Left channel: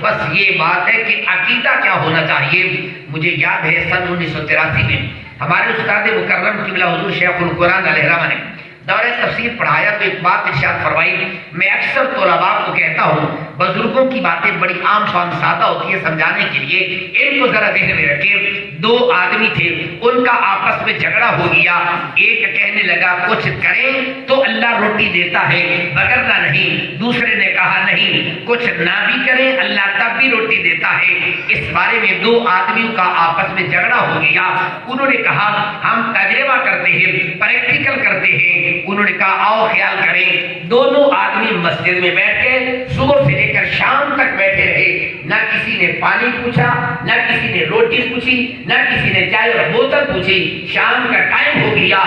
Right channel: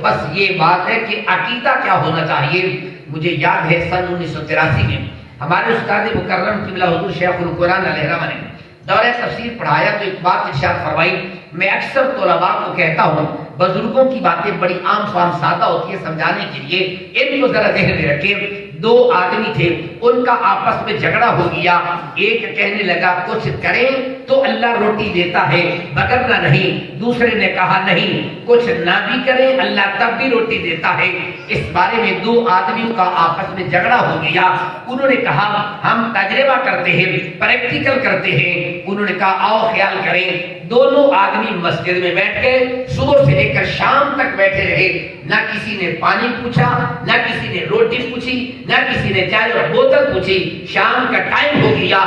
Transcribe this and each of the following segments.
بس یہ بات ہے کہ عقیدہ کیا ہونا چاہیے. مجھے یاد ہے سن 1983 میں ہمارے استاد مکرم قبلہ حضور شیخ القرآن علیہ رحمہ نے دورہ تفسیر پڑھایا تو ایک بات ارشاد فرمائی. میں اکثر طلباء کو کہتا ہوں بزرگوں کی باتیں بڑی عام فام سادہ ہوتی ہے سمجھانے کے لیے، ان کو ذرا ذہن میں رکھیں. دو آدمی تھے، ان کا آپس میں جھگڑا ہو گیا. ایک کہنے لگا کچھ کریں تو اللہ روٹی دیتا ہے وگرنہ نہیں. دوسرے نے کہا نہیں، کچھ نہ بھی کریں اللہ تب بھی روٹی دیتا ہے. اس بارے میں دو آدمیوں کا آپس میں جھگڑا ہو گیا. انہوں نے کہا ہم تجربہ کرتے ہیں، پریکٹیکل کرتے ہیں. انہوں نے کہا آؤ خیال کریں. دونوں آدمی مسجد میں بیٹھ کے صبح سے لے کر شام تک بیٹھے رہے. نہ کسی نے پانی پوچھا، نہ کسی نے روٹی پوچھی، نہ کسی نے چائے اور بوتل پوچھی. شام کا ٹائم ہو گیا.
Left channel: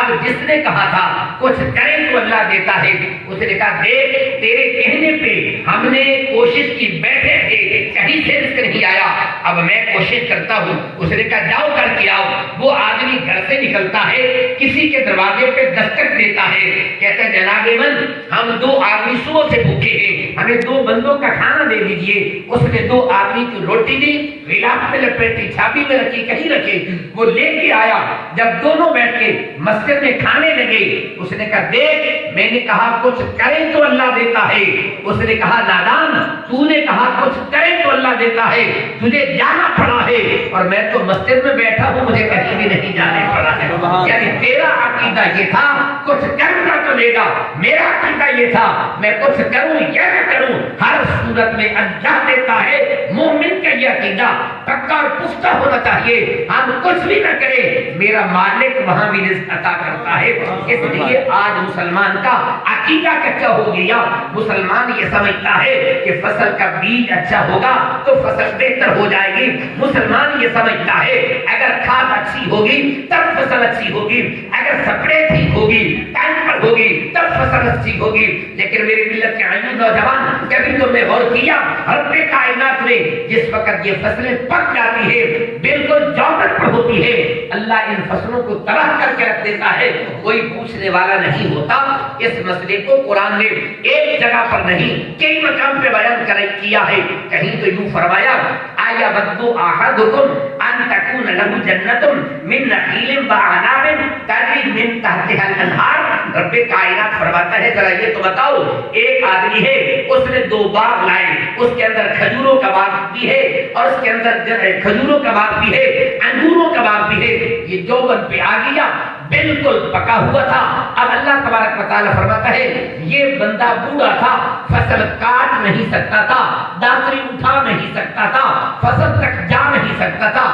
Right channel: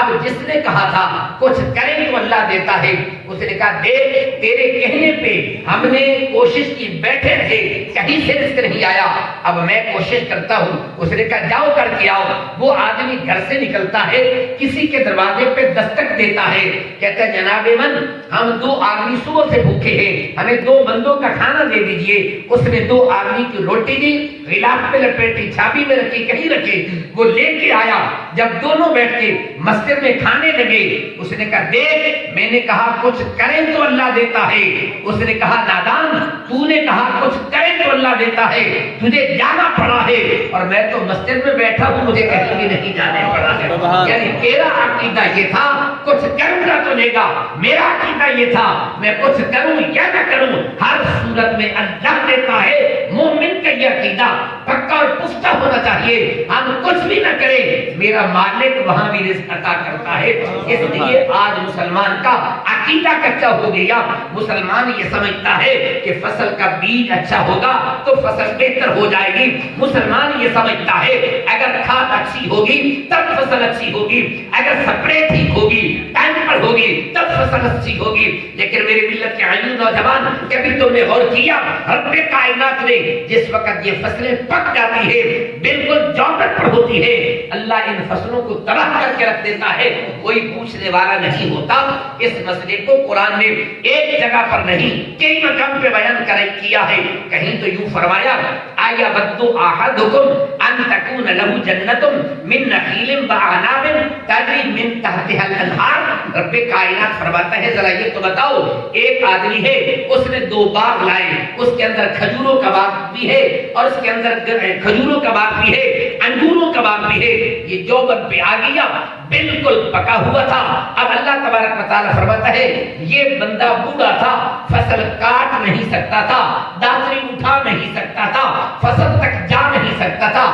اب جس نے کہا تھا کچھ کریں تو اللہ دیتا ہے، اس نے کہا دیکھ تیرے کہنے پہ ہم نے کوشش کی، بیٹھے تھے کہیں سے رزق نہیں آیا، اب میں کوشش کرتا ہوں. اس نے کہا جاؤ کر کے آؤ. وہ آدمی گھر سے نکلتا ہے، کسی کے دروازے پہ دستک دیتا ہے، کہتا ہے جناب من ہم دو آدمی صبح سے بھوکے ہیں، ہمیں دو بندوں کا کھانا دے دیجئے. اس نے دو آدمی کی روٹی دی، غلاف میں لپیٹی، چھابی میں رکھی، کہیں رکھے. وہ لے کے آیا. جب دونوں بیٹھ کے مسجد میں کھانے لگے، اس نے کہا دیکھ میں نے کہا کچھ کریں تو اللہ دیتا ہے. اس نے کہا نادان تو نے کہا کچھ کریں تو اللہ دیتا ہے، تجھے جانا پڑا ہے اور میں تو مسجد میں بیٹھا ہوں، مجھے کہیں بھی نہیں جانے پڑا ہے. یعنی تیرا عقیدہ یہ تھا کچھ کروں گا تو لے گا، میرا عقیدہ یہ تھا میں کچھ کروں یا نہ کروں ہر صورت میں اللہ دیتا ہے. مومن کے لیے عقیدہ پکا اور پختہ ہونا چاہیے. ہم کچھ بھی نہ کریں میرا مالک وہاں بھی رزق عطا کرتا ہے. اس لیے آج مسلمان کا عقیدہ کچا ہو گیا. مسلمان یہ سمجھتا ہے کہ فصل کا بیج اچھا ہوگا تو فصل بہتر ہو جائے گی. مسلمان یہ سمجھتا ہے اگر کھاد اچھی ہوگی تب فصل اچھی ہوگی، اگر سپرے ٹھیک ہوگی ٹائم پر ہوگی تب فصل اچھی ہوگی. لیکن میری ملت کے عزیز نوجوان کبھی تم نے غور کیا رب کائنات نے جس وقت یہ فصلیں پک جاتی ہے بالکل جوبت پر ہوتی ہے، اللہ ان فصلوں کو تباہ کر کے رکھ دیتا ہے، کوئی پوچھنے والا نہیں ہوتا. اس مسئلے کو قرآن نے ایک جگہ پر نہیں کئی مقام پہ بیان کیا ہے. کہیں تو یوں فرمایا آیا بدو احدکم ان تکون له جنت من نخیل واعناب تجری من تحتها الانہار. رب کائنات فرماتا ہے ذرا یہ تو بتاؤ ایک آدمی ہے اس نے دو باغ لائے، اس کے اندر کھجوروں کا باغ بھی ہے اور اس کے اندر کھجوروں کا باغ بھی ہے، انگوروں کا باغ بھی ہے. یہ جوبن پہ آ گیا بالکل پکا ہوا تھا. اب اللہ تبارک و تعالیٰ فرماتا ہے یہ بندہ بوڑھا تھا، فصل کاٹ نہیں سکتا تھا، داتری اٹھا نہیں سکتا تھا، فصل تک جا نہیں سکتا تھا،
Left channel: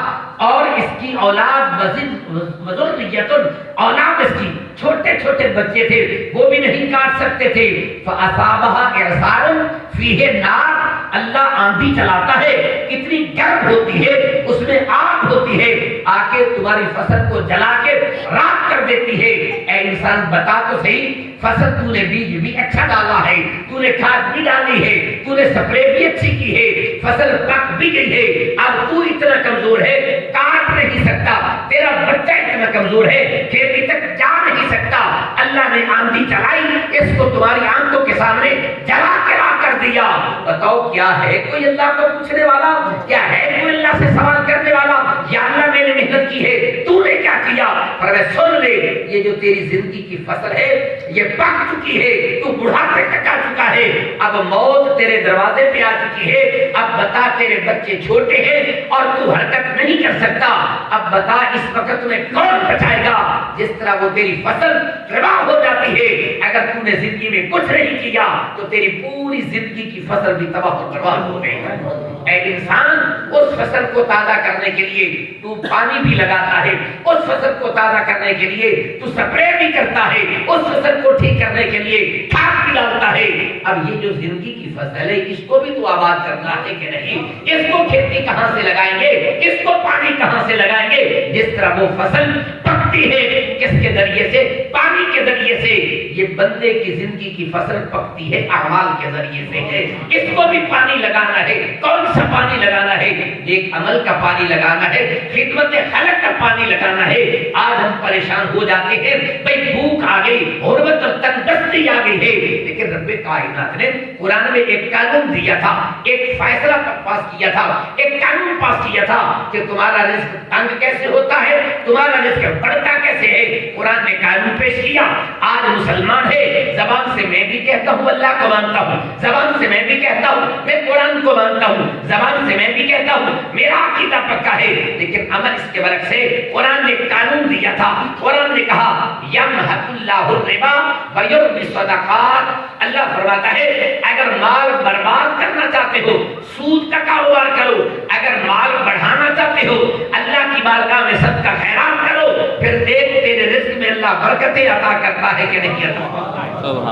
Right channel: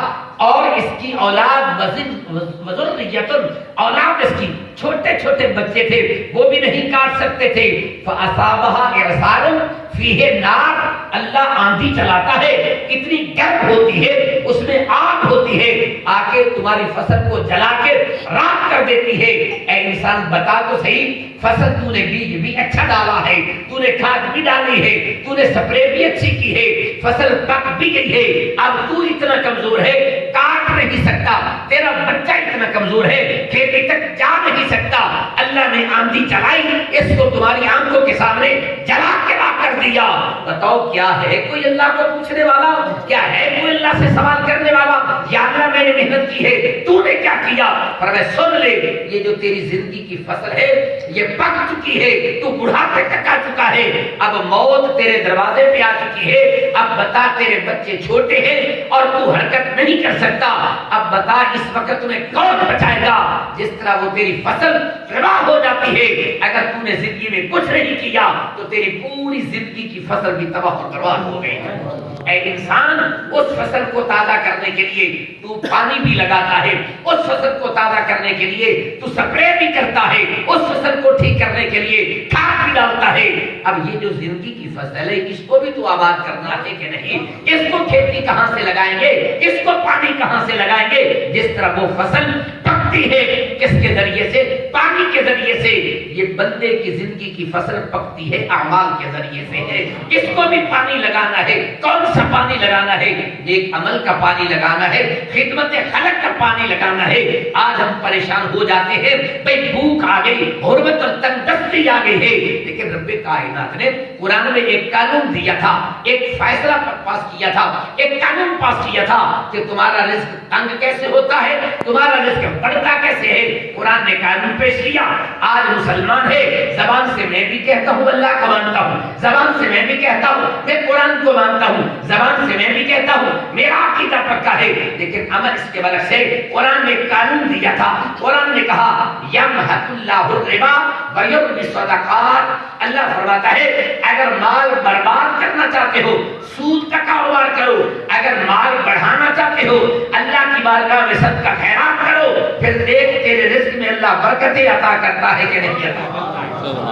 اور اس کی اولاد اولاد اس کی چھوٹے چھوٹے بچے تھے وہ بھی نہیں کاٹ سکتے تھے. فَأَصَابَهَا إِعْصَارٌ فِيهِ نَارٌ. اللہ آندھی چلاتا ہے، اتنی گرم ہوتی ہے، اس میں آگ ہوتی ہے، آ کے تمہاری فصل کو جلا کے راکھ کر دیتی ہے. اے انسان بتا تو صحیح فصل تو نے بیج بھی اچھا ڈالا ہے، تو نے کھاد بھی ڈالی ہے، تو نے سپرے بھی اچھی کی ہے، فصل پک بھی گئی ہے، اب تو اتنا کمزور ہے کاٹ نہیں سکتا، تیرا بچہ اتنا کمزور ہے کھیتی تک جا نہیں سکتا. اللہ نے آندھی چلائی، اس کو تمہاری آنکھوں کے سامنے جلا کے راکھ کر دیا. بتاؤ کیا ہے کوئی اللہ کو پوچھنے والا؟ کیا ہے کوئی اللہ سے سوال کرنے والا؟ یا اللہ میں نے محنت کی ہے تو نے کیا کیا؟ پر میں سن لے یہ جو تیری زندگی کی فصل ہے یہ پک چکی ہے، تو بڑھاپے تک آ چکا ہے، اب موت تیرے دروازے پہ آ چکی ہے. اب بتا تیرے بچے چھوٹے ہیں اور تو حرکت نہیں کر سکتا، اب بتا اس وقت تمہیں کون بچائے گا؟ جس طرح وہ تیری فصل تباہ ہو جاتی ہے اگر تو نے زندگی میں کچھ نہیں کیا تو تیری پوری زندگی کی فصل بھی تباہ و برباد ہو گئی. اے انسان اس فصل کو تازہ کرنے کے لیے تو پانی بھی لگاتا ہے، اس فصل کو تازہ کرنے کے لیے تو سپرے بھی کرتا ہے، اس فصل کو ٹھیک کرنے کے لیے کھاد بھی ڈالتا ہے. اب یہ جو زندگی کی فصل ہے اس کو بھی تو آباد کرنا ہے کہ نہیں؟ اس کو کھیتی کہاں سے لگائیں گے، اس کو پانی کہاں سے لگائیں گے؟ جس طرح وہ فصل پکتی ہے کس کے ذریعے سے؟ پانی کے ذریعے سے۔ یہ بندے کی زندگی کی فصل پکتی ہے اعمال کے ذریعے سے ہے۔ اس کو بھی پانی لگانا ہے۔ کون سا پانی لگانا ہے؟ ایک عمل کا پانی لگانا ہے، خدمت خلق کا پانی لگانا ہے۔ آج ہم پریشان ہو جاتے ہیں، بھئی بھوک آ گئی، غربت اور تنگدستی آ گئی ہے، لیکن رب کائنات نے قرآن میں ایک قانون دیا تھا، ایک فیصلہ پاس کیا تھا، ایک قانون پاس کیا تھا کہ تمہارا رزق تنگ کیسے ہوتا ہے، تمہارا رزق بڑھتا کیسے ہے۔ قرآن نے قانون پیش کیا۔ آج مسلمان ہے، زبان سے میں بھی کہتا ہوں اللہ کو مانتا ہوں، زبان سے میں بھی کہتا ہوں میں قرآن کو مانتا ہوں، زبان سے میں بھی کہتا ہوں میرا عقیدہ پکا ہے، لیکن عمل اس کے برعکس ہے۔ قرآن نے قانون دیا تھا، قرآن نے کہا یمحق اللہ الربا ویربی الصدقات۔ اللہ فرماتا ہے اگر مال برباد کرنا چاہتے ہو سود کا کاروبار کرو، اگر مال بڑھانا چاہتے ہو اللہ کی بارگاہ میں صدقہ خیرات کرو، پھر دیکھ تیرے رزق میں اللہ برکتیں عطا کرتا ہے کہ نہیں عطا کرتا ہے۔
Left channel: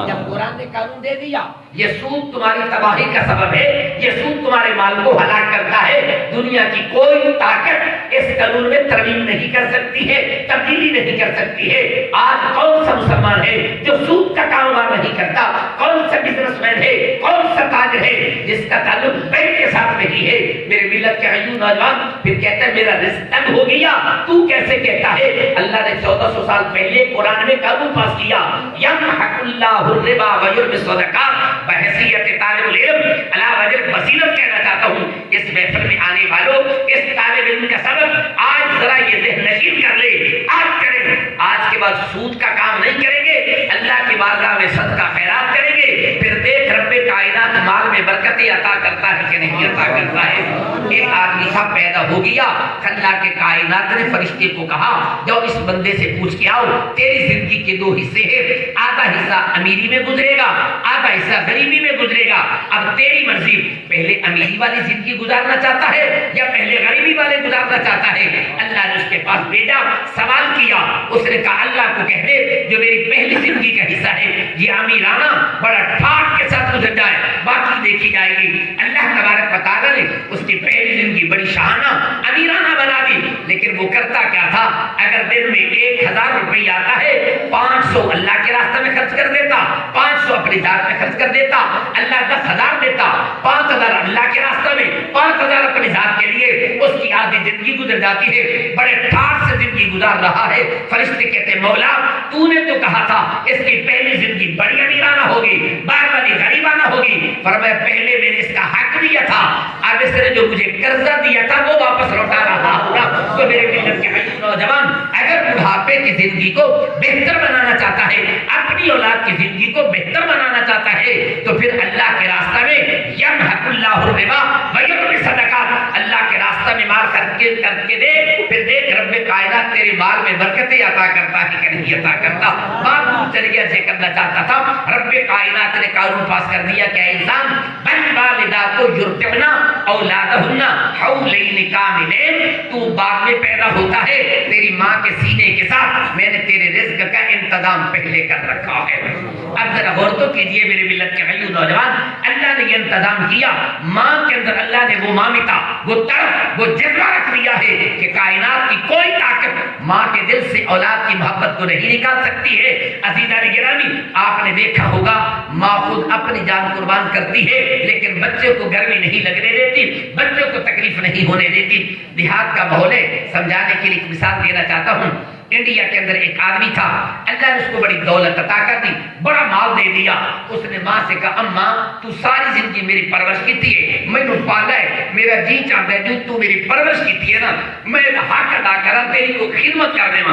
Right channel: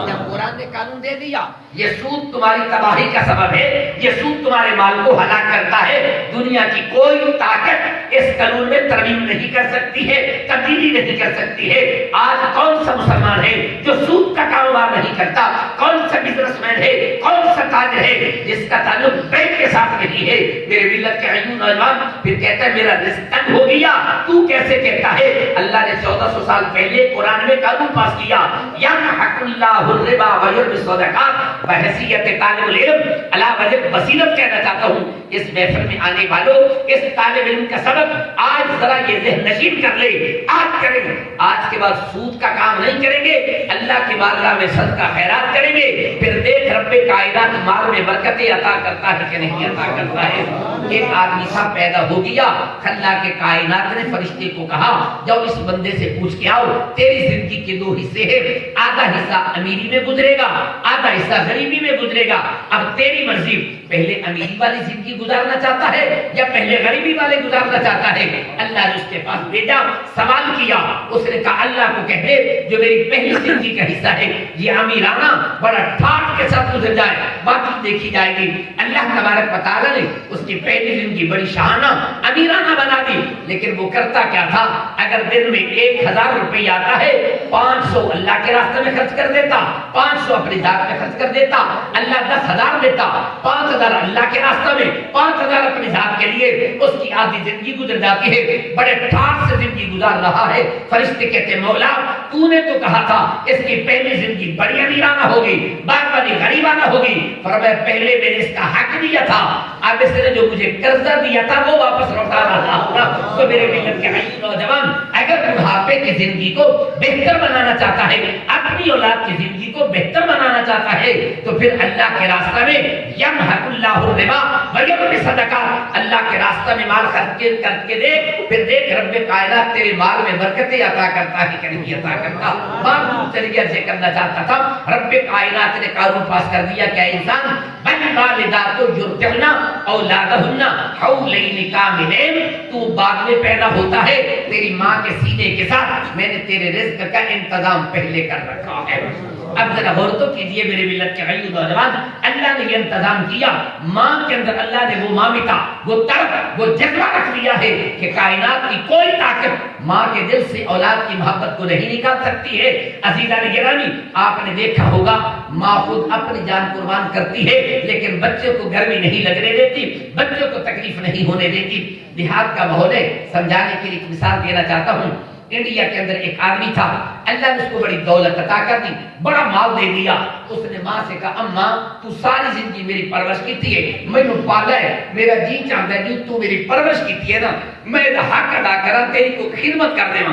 جب قرآن نے قانون دے دیا یہ سود تمہاری تباہی کا سبب ہے، یہ سود تمہارے مال کو ہلاک کرتا ہے، دنیا کی کوئی طاقت اس قانون میں ترمیم نہیں کر سکتی ہے، تبدیلی نہیں کر سکتی ہے۔ آج کون سا مسلمان ہے جو سود کا کاروبار نہیں کرتا؟ کون سا بزنس مین ہے، کون سا تاجر ہے جس کا تعلق بینک کے ساتھ نہیں ہے؟ میرے ملت کے عیون نوجوان پھر کہتا ہے میرا رزق تنگ ہو گیا، تو کیسے کہتا ہے؟ اللہ نے 1400 سال پہلے قرآن میں قانون پاس کیا، یمحق اللہ الربا ویربی الصدقات۔ بحیثیت طالب العلم علی وجہ بصیرت کہنا چاہتا ہوں اس محفل میں آنے والوں، اس طالب علم کا سبق آج ذرا یہ ذہن نشین کر لے، آج کریں، آج کے بعد سود کا کام نہیں کریں گے، اللہ کی بارگاہ میں صدقہ خیرات کریں گے، پھر دیکھ رب کائنات مال میں برکتیں عطا کرتا ہے کہ نہیں عطا کرتا ہے۔ ایک آدمی تھا پیدا ہو گیا، اللہ کے کائنات نے فرشتے کو کہا جاؤ اس بندے سے پوچھ کے آؤ تیری زندگی کے دو حصے ہیں، آدھا حصہ امیری میں گزرے گا، آدھا حصہ غریبی میں گزرے گا، اب تیری مرضی، پہلے امیری والی زندگی گزارنا چاہتا ہے یا پہلے غریبی والے گزارنا چاہتا ہے؟ اللہ نے اس کے پاس بھیجا، سوال کیا، اس نے کہا اللہ کو کہہ دے جو میری پہلی زندگی کا حصہ ہے یہ امیرانہ بڑا ٹھاٹ کے ساتھ گزر جائے، باقی دیکھی جائے گی۔ اللہ تبارک و تعالیٰ نے اس کی پہلی زندگی بڑی شاہانہ امیرانہ بنا دی، لیکن وہ کرتا کیا تھا؟ اگر دن میں 1000 روپے آتا ہے 500 اللہ کے راستے میں خرچ کر دیتا، 500 اپنی ذات میں خرچ کر دیتا، اللہ 10,000 دیتا، 5,000 اللہ کے راستہ میں، 5,000 اپنی ذات کے لیے، اس کی آدھی زندگی گزر جاتی ہے، بڑے ٹھاٹ سے زندگی گزار رہا ہے۔ فرشتے کہتے ہیں مولا تو نے تو کہا تھا اس کی پہلی زندگی بڑی امیرانہ ہوگی، بعد والی غریبانہ ہوگی، فرمایا پہلے میں نے اس کا حق دیا تھا، اب اس نے جو مجھے قرضہ دیا تھا وہ واپس لوٹا رہا ہوگا۔ تو میرے ملت کے نوجوان اگر بڑھاپے کی زندگی کو بہتر بنانا چاہتا ہے، اپنی اولاد کی زندگی کو بہتر بنانا چاہتا ہے، تو پھر اللہ کے راستہ میں یمحق اللہ الربا ویربی الصدقات، اللہ کے راستہ میں مال کر کے دے، پھر دیکھ رب کائنات تیرے مال میں برکتیں عطا کرتا ہے کہ نہیں عطا کرتا۔ بات دور چلی گیا ذکر کرنا چاہتا تھا، رب کائنات نے قانون پاس کر دیا کہ انسان بل والدات یرضعن اولادہن حولین کاملین، تو بعد میں پیدا ہوتا ہے تیری ماں کے سینے کے ساتھ میں نے تیرے رزق کا انتظام پہلے کر رکھا ہے۔ اب ذرا غور تو کیجئے میرے ملت کے بھائیو نوجوان، اللہ نے یہ انتظام کیا، ماں کے اندر اللہ نے وہ مامتا، وہ طرف، وہ جذبہ رکھ دیا ہے کہ کائنات کی کوئی طاقت ماں کے دل سے اولاد کی محبت کو نہیں نکال سکتی ہے۔ عزیزان گرامی آپ نے دیکھا ہوگا ماں خود اپنی جان قربان کرتی ہے لیکن بچے کو گرمی نہیں لگنے دیتی، بچوں کو تکلیف نہیں ہونے دیتی۔ دیہات کا ماحول ہے، سمجھانے کے لیے ایک مثال دینا چاہتا ہوں۔ انڈیا کے اندر ایک آدمی تھا، اللہ نے اس کو بڑی دولت عطا کر دی، بڑا مال دے دیا۔ اس نے ماں سے کہا اماں تو ساری زندگی میری پرورش کی ہے، مینوں پالا ہے، میرا جی چاہتا ہے جو تو میری پرورش کی ہے نا میں حق ادا کرا تیری کو خدمت کر دے۔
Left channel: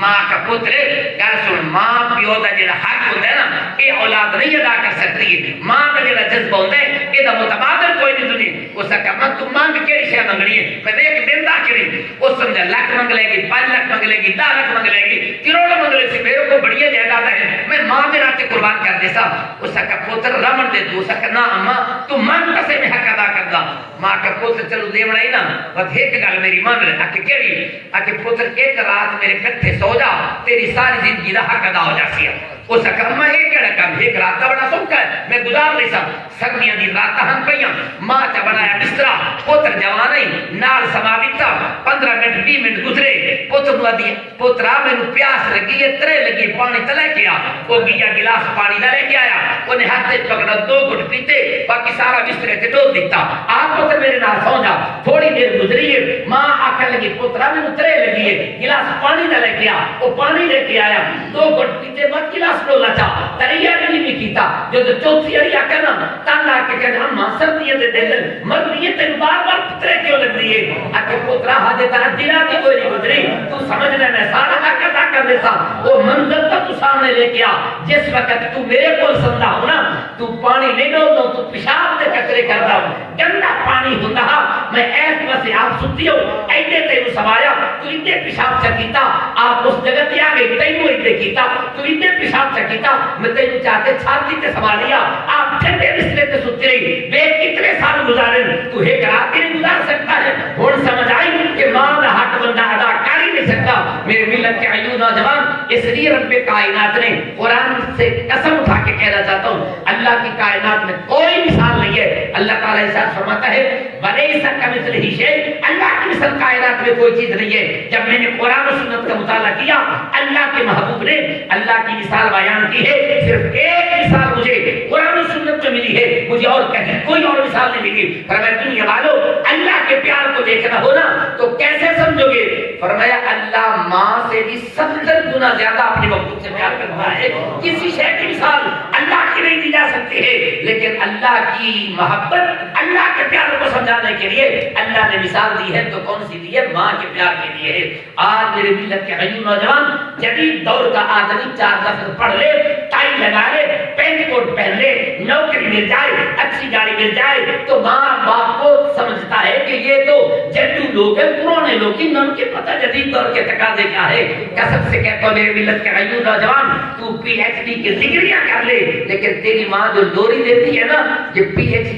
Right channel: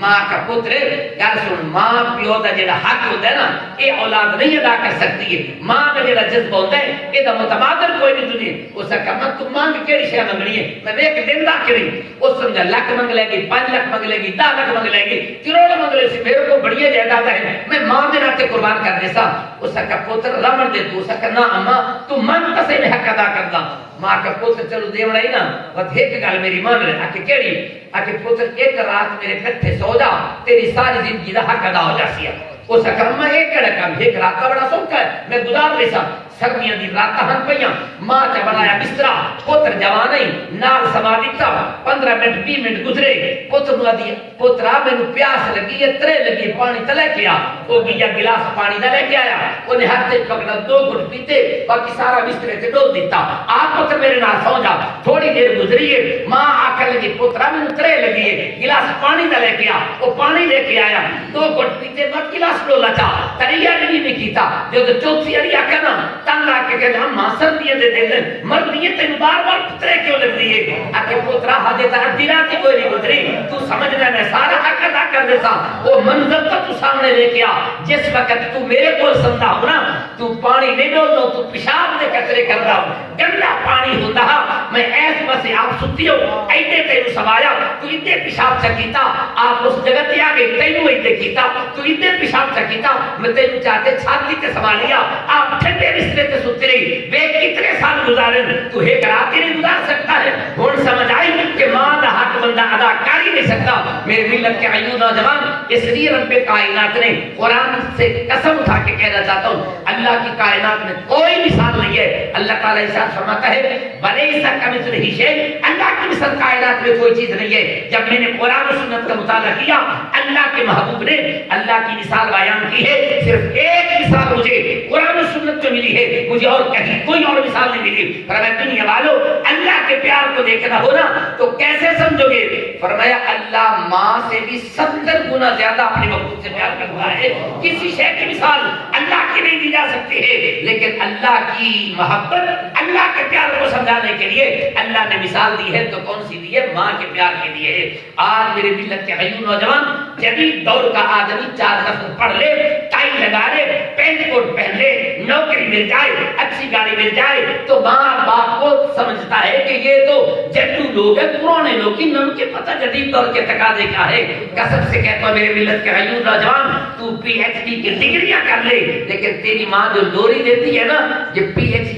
ماں کا پتر گل سن، ماں پیو دا جڑا حق ہوتا ہے نا یہ اولاد نہیں ادا کر سکتی ہے، ماں کا جڑا جذبہ ہوتا ہے یہ متبادل کوئی نہیں دنیا۔ اس نے کہا میں تو مانگ کیڑی شے منگنی ہے، میں ایک دن دا کریں۔ اس سمجھا لاکھ منگ لے گی، 5 لاکھ منگ لے گی، 10 لاکھ منگ لے گی، کروڑ منگ لے سی، میرے کو بڑی جائیداد ہے، میں ماں دے ناتے قربان کر دے سا۔ اس نے کہا پتر رمن دے تو، اس نے کہا نا اماں تو من کسے میں حق ادا کر دا۔ ماں کا پتر چلو دے بڑا ہی نا بس ایک گل میری مانگ لے، آکے کیڑی؟ آکے پتر ایک رات میرے کٹھے سو جا تیری ساری زندگی دا حق ادا ہو جاسی ہے۔ اس نے کہا اماں ایک کیڑا کام، ایک رات کا بڑا سوکھا ہے میں گزار لے سا، سردیاں دی راتاں ہن پیاں ماں تے بنایا بسترا پتر جوانی نال سما دتا 15 منٹ 20 منٹ گزرے پتر نو دی پترا مینوں پیاس لگی ہے ترے لگی پانی تے لے کے آ او گیا گلاس پانی دا لے کے آیا اونے ہاتھ تے پکڑا 2 گھٹ پیتے باقی سارا بسترے تے ڈول دتا آ پتر میرے نال سو جا تھوڑی دیر گزری ہے ماں آکھن لگی پترا مینوں ترے لگی ہے گلاس پانی دا لے کے آ او پانی لے کے آیا 2 گھٹ پیتے مت گلاس ڈولا چا تریا نہیں کیتا جو چوتھی والی آکھے نا تنگ آ کے کہ ہم سردیاں دے دل مردیے تے بار بار پترے کیوں لگ رہی ہے اکے پترا ہجے تا دلا تو کوئی گزری تو سمجھ لے میں سارا حق ادا کر دیتا وہ منظر تو سامنے لے کے آ جس وقت تو میرے کول سمجھا ہو نا تو پانی نہیں ڈول دو تو پیشاب دے کچرے کردا گندا پانی ہوندا میں ایس بس آپ ستی ہو ایڈے تینوں سمایا تو ایڈے پیشاب چکیتا آپ اس جگہ تے آ گئے تینوں ایڈے کیتا تو ایڈے پیشاب چکیتا میں تینوں چاہتے چھاتی تے سنبھالیا آپ ٹھنڈے بسترے تے سوتے رہی بے کتنے سال گزارے تو ایک رات نہیں گزار سکتا ہے ہن سمجھ آئی کہ ماں دا حق بندہ ادا کر ہی نہیں سکتا میرے ملت کے عیون نوجوان اس لیے رب کائنات نے قرآن سے قسم اٹھا کے کہنا چاہتا ہوں اللہ کی کائنات میں کوئی مثال نہیں ہے اللہ تعالیٰ ارشاد فرماتا ہے ولیس کمثلہ شیء اللہ کی مثل کائنات میں کوئی چیز نہیں ہے جب میں نے قرآن و سنت کا مطالعہ کیا اللہ کے محبوب نے اللہ کی مثال بیان کی ہے صرف ایک مثال مجھے قرآن و سنت میں ملی ہے مجھے اور کہیں کوئی اور مثال نہیں ملی فرمایا دنیا والو اللہ کے پیار کو دیکھنا ہونا تو کیسے سمجھو گے فرمایا اللہ ماں سے بھی 70 گنا زیادہ اپنے محبوب سے پیار کرتا ہے کسی شے کی مثال اللہ کی نہیں دی جا سکتی ہے لیکن اللہ کی محبت اللہ کے پیار کو سمجھانے کے لیے اللہ نے مثال دی ہے تو کون سی دی ہے ماں کے پیار کے لیے ہے آج میرے ملت کے غیور نوجوان جدید دور کا آدمی 4 لفظ پڑھ لے ٹائی لگا لے پینٹ کوٹ پہن لے نوکری مل جائے اچھی گاڑی مل جائے تو ماں باپ کو سمجھتا ہے کہ یہ تو جدو لوگ ہیں پرانے لوگ ہی ان کے پتہ جدید دور کے تقاضے کیا ہے قسم سے کہتا ہوں میرے ملت کے غیور نوجوان تو پی ایچ ڈی کی ڈگریاں کر لے لیکن تیری ماں جو لوری دیتی ہے نا یہ پی ایچ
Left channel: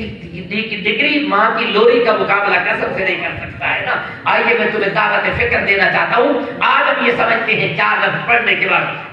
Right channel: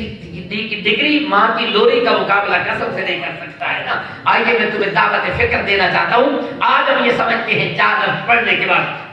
ڈی کی ڈگری ماں کی لوری کا مقابلہ قسم سے نہیں کر سکتا ہے نا آئیے میں تمہیں دعوت فکر دینا چاہتا ہوں آج ہم یہ سمجھتے ہیں 4 لفظ پڑھنے کے بعد